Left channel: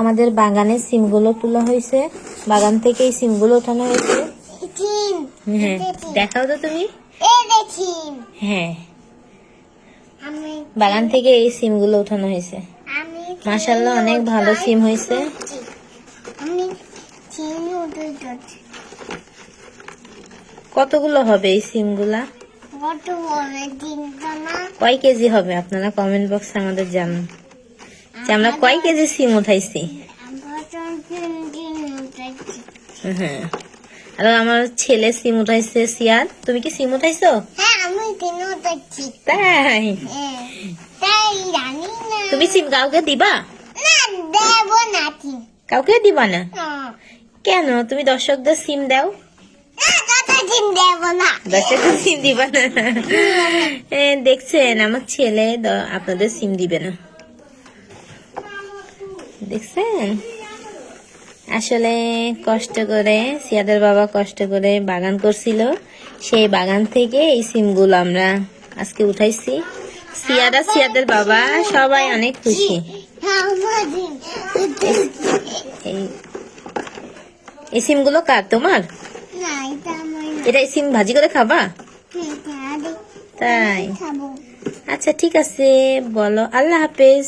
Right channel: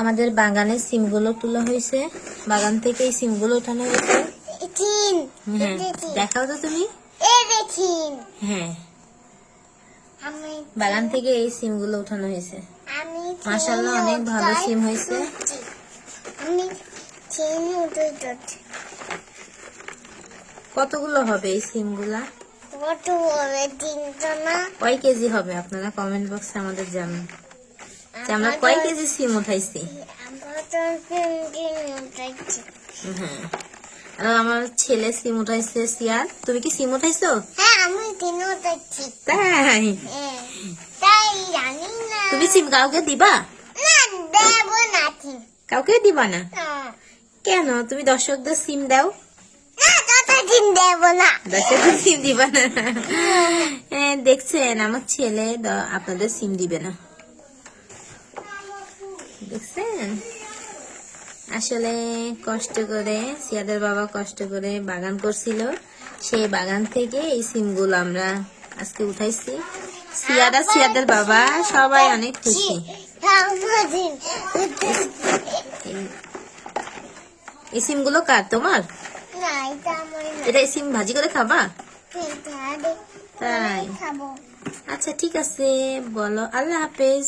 আমাদের বাগানের সিমগুলো তোলা হয়েছে, বাগান থেকে এই সিমগুলো উঠানো হয়েছে। হ্যাঁ দেখাও তো তুমি। হ্যাঁ বাগান থেকে এই সিমগুলো উঠানো হয়েছে। মাশাআল্লাহ অনেক ভালো সিম হয়েছে। কতগুলো হবে এই সিমগুলা? কয় কেজি হবে আপনারা কমেন্ট বক্সে আমাদের জানান যে আমরা কয় কেজি সিম উঠাইছি। হ্যাঁ আর আমার ছেলে সিম উঠাইছে। সিয়াদ তুমি কি সিম উঠাইছো? তাই তুমি সিম কাউকে দিবা? কাউকে দিবা না কেন? তুমি দর্শকদের সিম দাও। দর্শকদের সিম দিবা না? দেখছেন আমার ছেলে আপনাদের সিম দিবে না, দেখছেন। আসলে কষ্ট করে সিয়াদের বাবা কষ্ট করে বাগান করছিল, সেই বাগান থেকে এই সিমগুলো আমরা আজকে উঠাইছি। সিয়াদ আর সিয়াদের বাবা সবাই অনেক খুশি। এই সিমগুলো কার? তোমার? এটা সিম ভাজি করে খাবা? তাই আচ্ছা ঠিক আছে বলো আল্লাহ হাফেজ।